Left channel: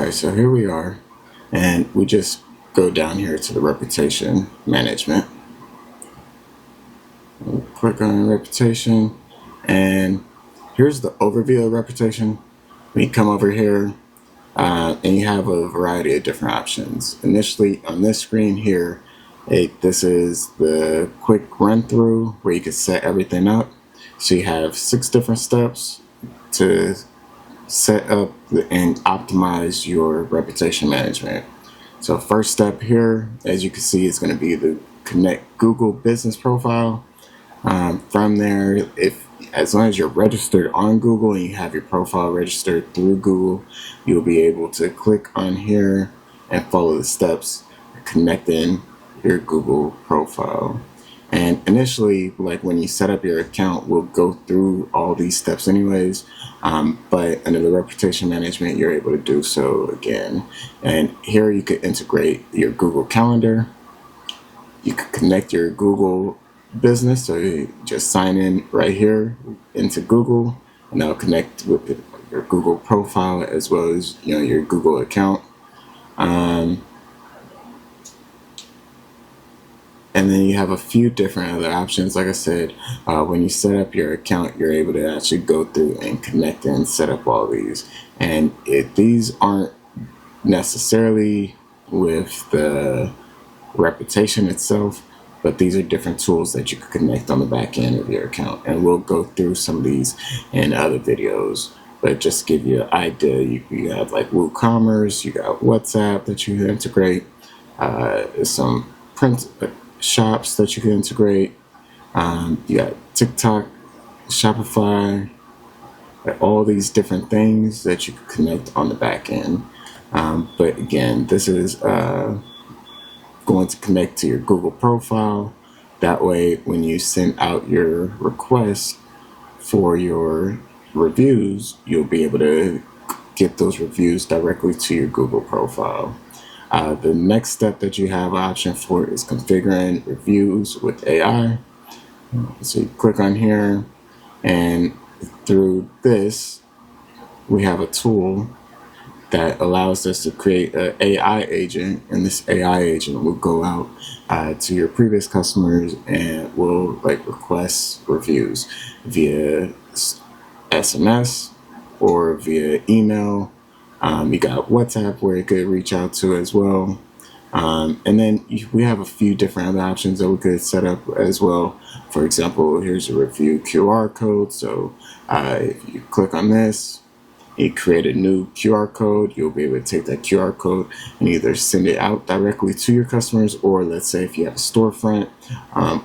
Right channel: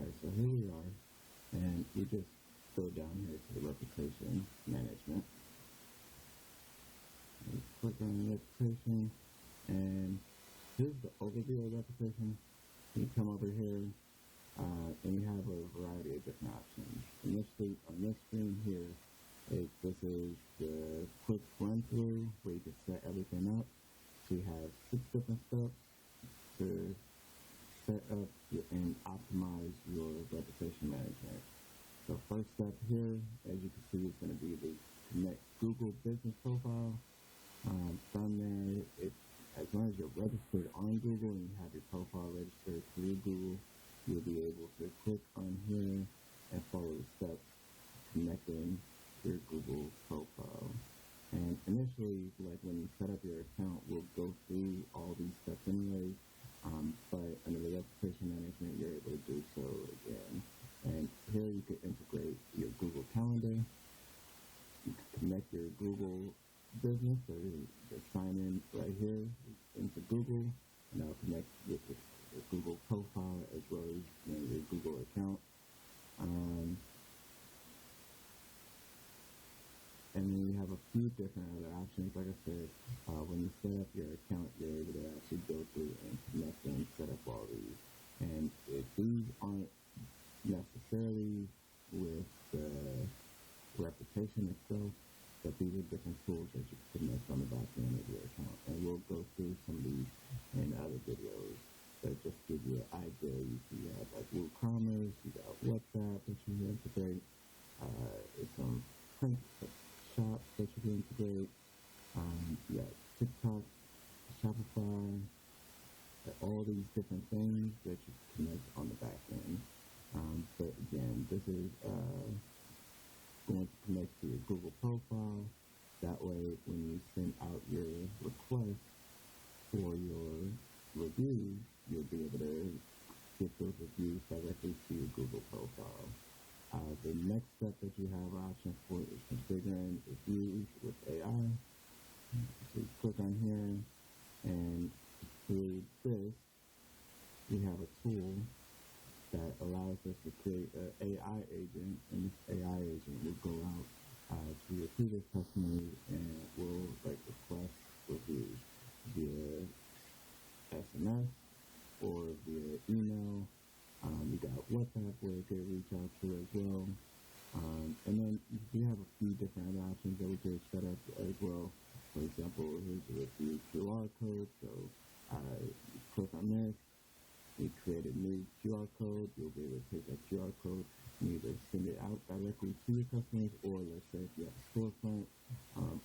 Alright, so here we are, and we just go down here to the reputation management. We'll click on reputation, and here's the overview of reputation. When you come over here, and you have a variety of different options. Initially, on this screen here, this is the quick run through where you can set everything up. So you have 6 different steps to set up and optimize your reputation management. So first step here, as you can see, is going to be the connect Google business profile. From there, if as long as you're registered on Google and you have your profile registered through Google, you'll be able to click on here and follow the steps connecting your Google profile. And initially, like when you set up your account, we'll go through all these steps anyways, but under the reputation management, you're able to do so again. And here you could integrate your Google Calendar. You could connect your Google business, so you just sign in right here into Google, and that'll connect with your Google profile as well as your Google account. And then you have a few different other options. Like I said, when you set up your account, you're able to actually go through and connect and set up all these. And these aren't necessarily with the reputation itself, but these are different tools that you can connect on the back end of your account. And we'll go through some of these in other videos. But just to give you an idea, you have like WooCommerce, you got WhatsApp that you can integrate, some print shops that you can integrate. You got TikTok, Shopify, all these different things that you can connect on the back end. But again, this is going to connect to your Google profile. That way, when you send out your request for your reviews, you'll be able to get those reviews directly to your Google profile. The next step that you have an option for is configuring reviews with AI. So you click on here, and through this, we have a tool that allows us to create an AI agent, and this AI agent will go out to your previous customers and will request reviews via SMS or via email. You got WhatsApp where it could reach out to as well. And then we have a few different other options that we could set up as well. For example, here's a review QR code. So if you click on this, you create a new QR code, you'll be able to take that QR code and either send it out directly to your customers, or let's say if you have a storefront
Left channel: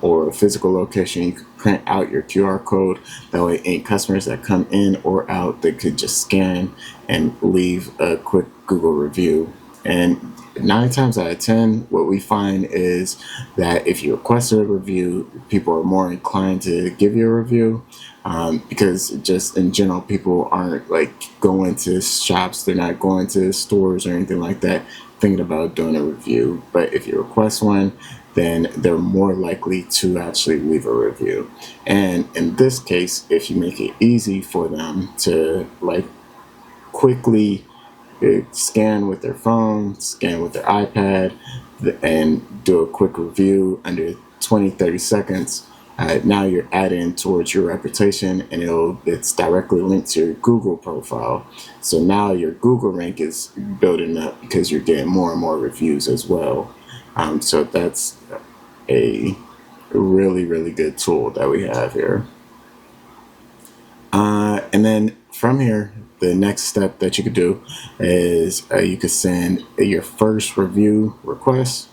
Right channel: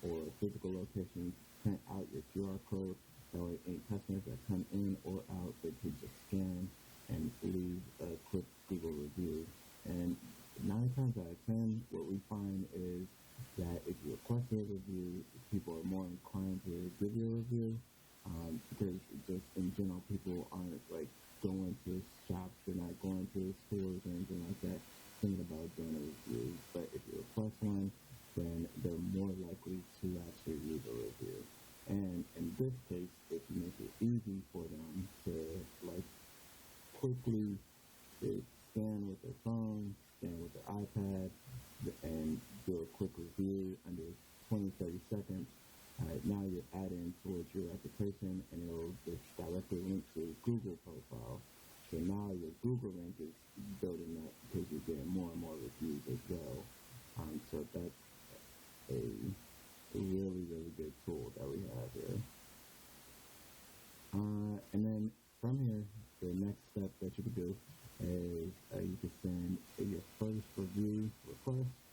or a physical location, you can print out your QR code. That way any customers that come in or out, they could just scan and leave a quick Google review. And 9 times out of 10, what we find is that if you request a review, people are more inclined to give you a review, because just in general, people aren't going to shops, they're not going to stores or anything like that thinking about doing a review. But if you request one, then they're more likely to actually leave a review. And in this case, if you make it easy for them to quickly scan with their phone, scan with their iPad, and do a quick review under 20-30 seconds. Now you're adding towards your reputation, and it's directly linked to your Google profile. So now your Google rank is building up because you're getting more and more reviews as well. So that's a really, really good tool that we have here. And then from here, the next step that you could do is you could send your first review request.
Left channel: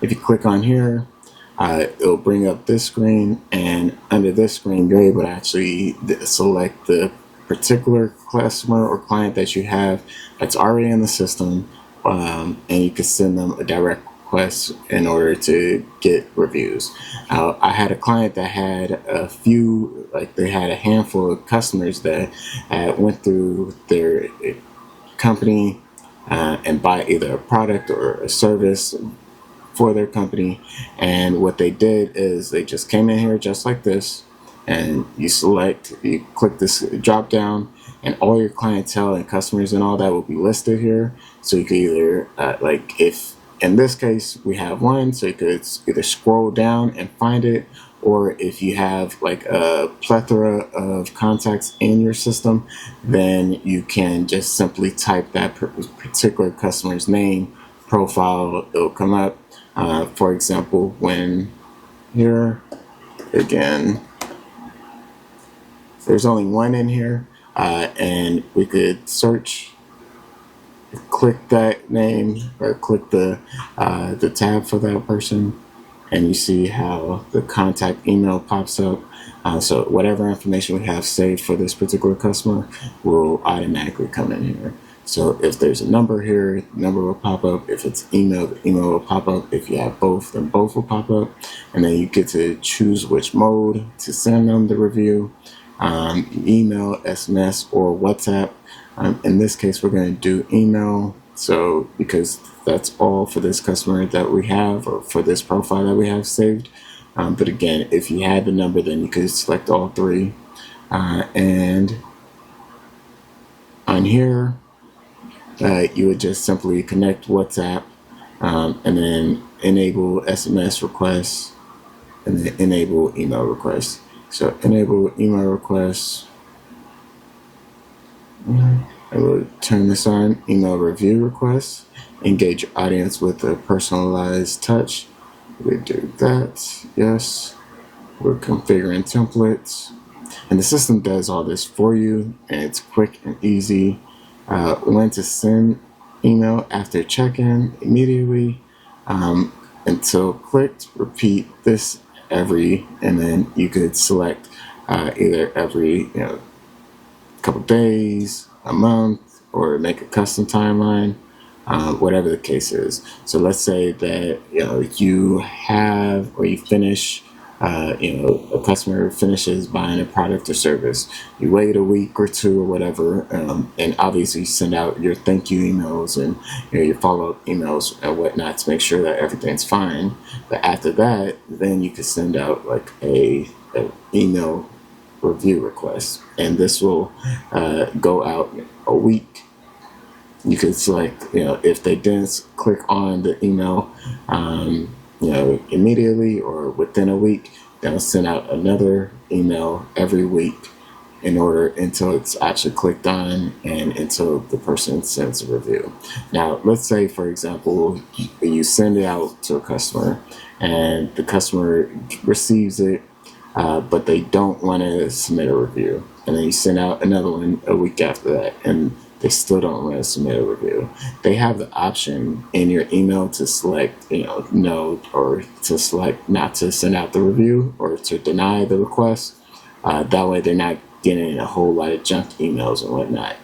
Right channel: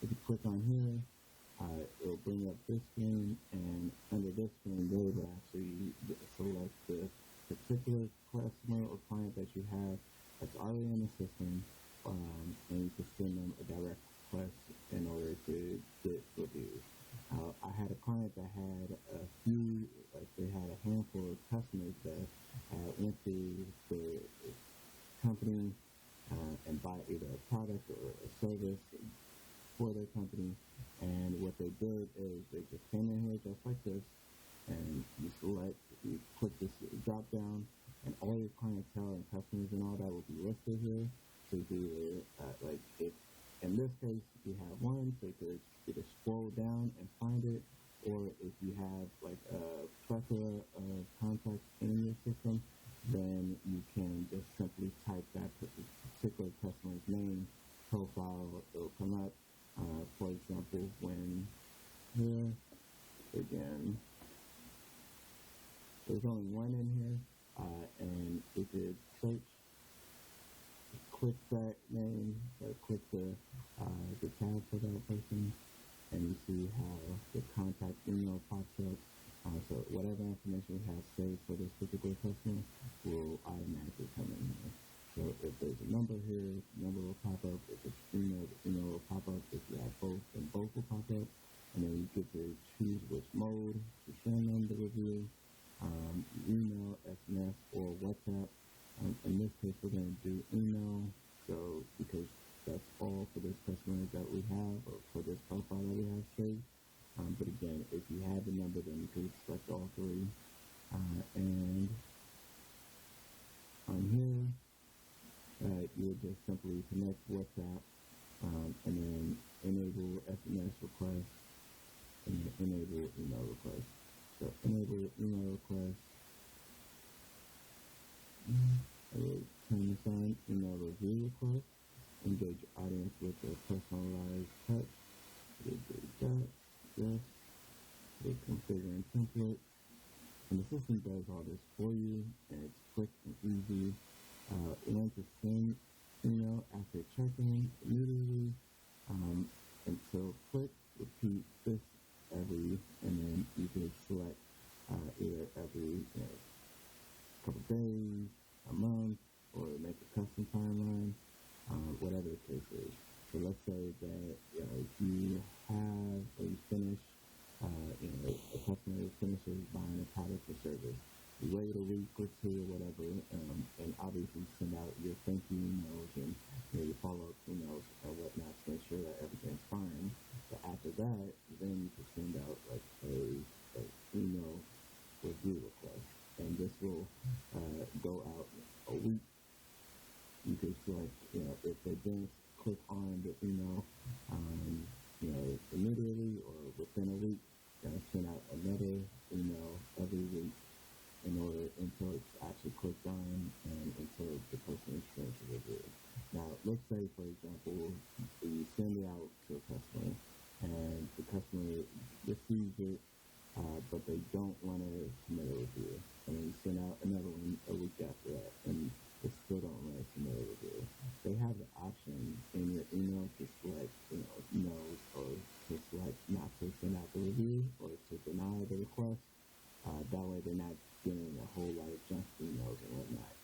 If you click on here, it'll bring up this screen, and under this screen, you're able to actually select the particular customer or client that you have that's already in the system, and you can send them a direct request in order to get reviews. I had a client that had they had a handful of customers that went through their company and buy either a product or a service for their company. And what they did is they just came in here just like this, and you click this drop down, and all your clientele and customers and all that will be listed here. So you could either, like if in this case we have one, so you could either scroll down and find it, or if you have like a plethora of contacts in your system, then you can just simply type that particular customer's name, profile, it'll come up. For example, when here again, there's only one in here, and we could search, click that name, or click the tab for that person, and you see how the contact email pops up. So whatever information we have saved for this particular customer will automatically come in here. So if there's a number here, the number will pop up. If it's email, the email will pop up. If you have both, then both will pop up. And then you get to choose which mode to send them the review, email, SMS, or WhatsApp. In this case, we're going to do email. So because that's all for this customer that we have, or for this profile that we have saved. But again, if you had the number, then you could select all three. And on here, you would just simply connect WhatsApp, and then enable SMS requests, and then enable email requests. So enable email requests. I will turn this on. Email review requests. Engage your audience with a personalized touch. We do that. Yes. We're configuring templates. And the system does all this for you, and it's quick and easy. When to send email after check-in immediately, until clicked. Repeat this and then you could select either every couple days, a month, or make a custom timeline, whatever the case is. So let's say that you have, or you finish, a customer finishes buying a product or service. You wait a week or two or whatever, and obviously send out your thank you emails and your follow-up emails and whatnot to make sure that everything's fine. But after that, then you could send out like a email review request, and this will go out a week. You could select, if they didn't click on the email, immediately or within a week, they'll send out another email every week until it's actually clicked on and until the person sends a review. Now, let's say, for example, you send it out to a customer and the customer receives it, but they don't want to submit a review. And then you send out another one a week after that, and they still don't want to submit a review. They have the option in your email to select, no, or to select not to send out the review or to deny the request. That way they're not getting a whole lot of junk emails and whatnot.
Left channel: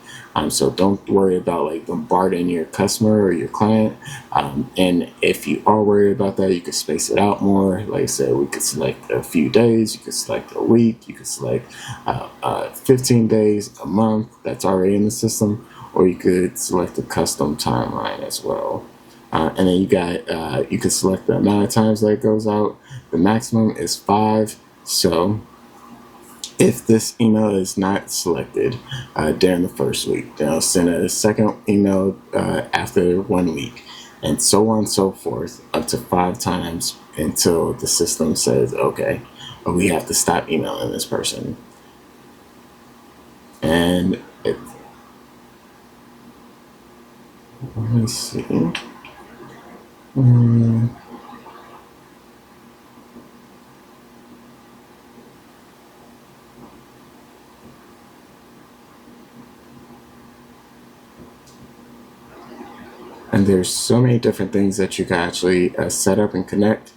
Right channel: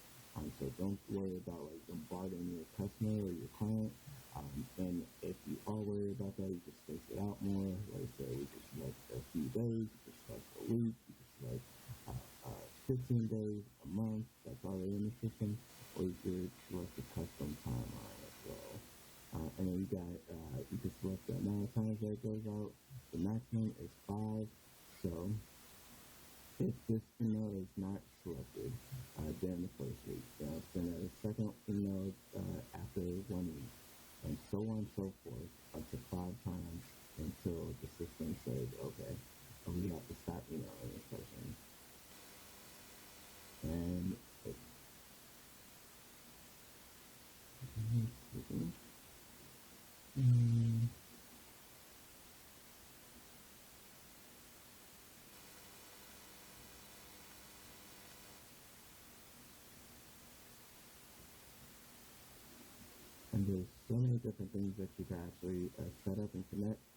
So don't worry about like bombarding your customer or your client. And if you are worried about that, you could space it out more. Like I said, we could select a few days, you could select a week, you could select 15 days, a month, that's already in the system, or you could select a custom timeline as well. And then you could select the amount of times that it goes out. The maximum is 5. So if this email is not selected during the first week, then I'll send a second email after 1 week, and so on and so forth, up to 5 times until the system says, okay, we have to stop emailing this person. And let me see. And there's so many different things that you can actually set up and connect,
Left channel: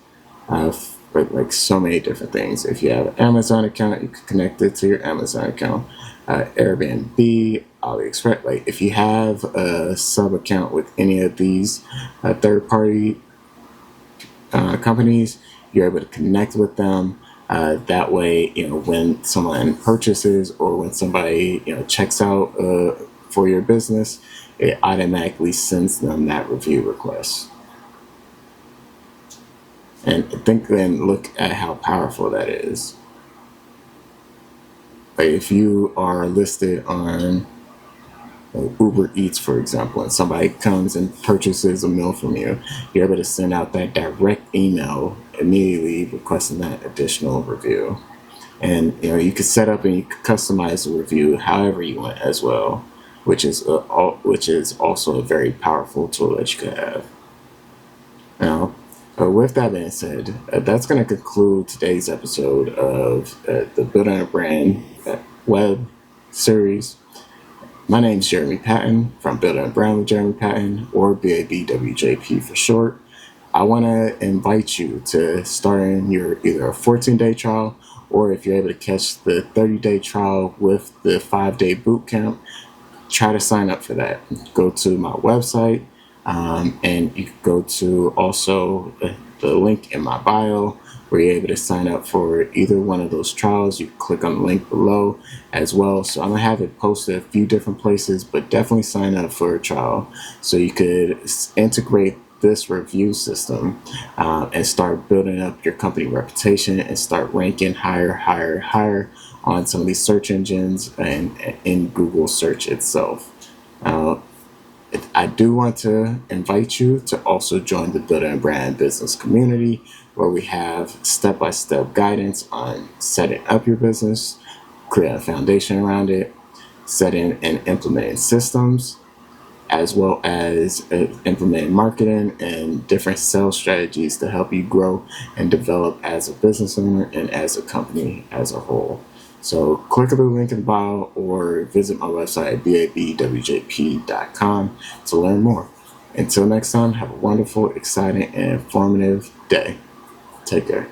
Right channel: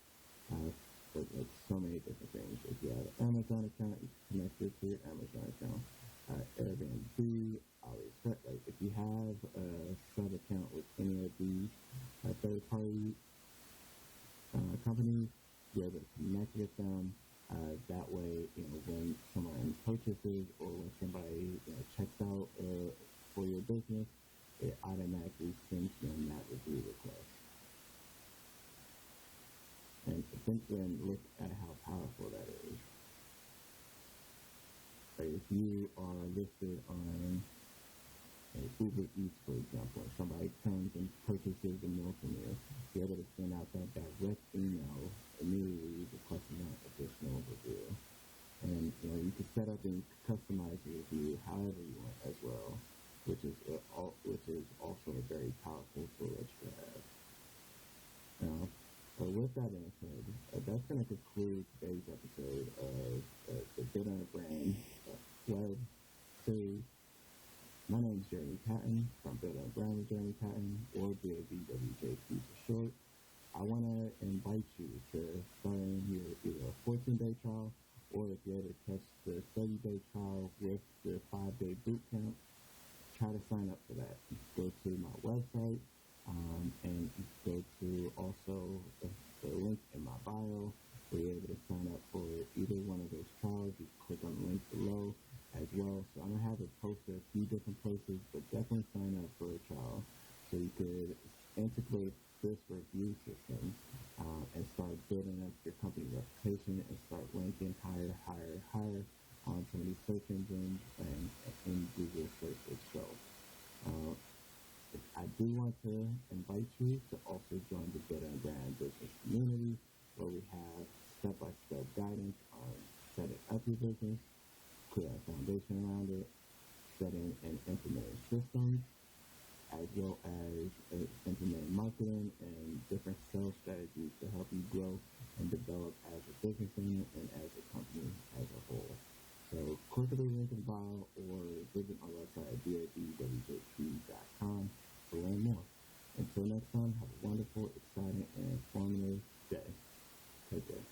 like so many different things. If you have an Amazon account, you can connect it to your Amazon account. Airbnb, AliExpress. Like if you have a sub account with any of these third-party companies, you're able to connect with them. That way, when someone purchases or when somebody checks out for your business, it automatically sends them that review request. And think and look at how powerful that is. Like if you are listed on Uber Eats, for example, and somebody comes and purchases a meal from you, you're able to send out that direct email immediately requesting that additional review. And you could set up and you could customize the review however you want as well, which is also a very powerful tool that you could have. Now, with that being said, that's going to conclude today's episode of the Building a Brand web series. My name is Jeremy Patton from Building a Brand with Jeremy Patton, or BABWJP for short. I want to invite you to start in your either a 14-day trial, or if you're able to catch the 30-day trial with the 5-day boot camp, try to sign up for that. Go to my website, and you can go to also the link in my bio where you're able to sign up for either one of those trials. You can click on the link below as well. So I'm going to have it posted a few different places, but definitely sign up for a trial so you could integrate this review system and start building up your company reputation and start ranking higher on some of these search engines and in Google search itself. I do want to invite you to also join the Building a Brand business community, where we have step-by-step guidance on setting up your business, creating a foundation around it, setting and implementing systems, as well as implementing marketing and different sales strategies to help you grow and develop as a business owner and as a company as a whole. So click the link in the bio or visit my website at babwjp.com to learn more. Until next time, have a wonderful, exciting, and informative day. Take care.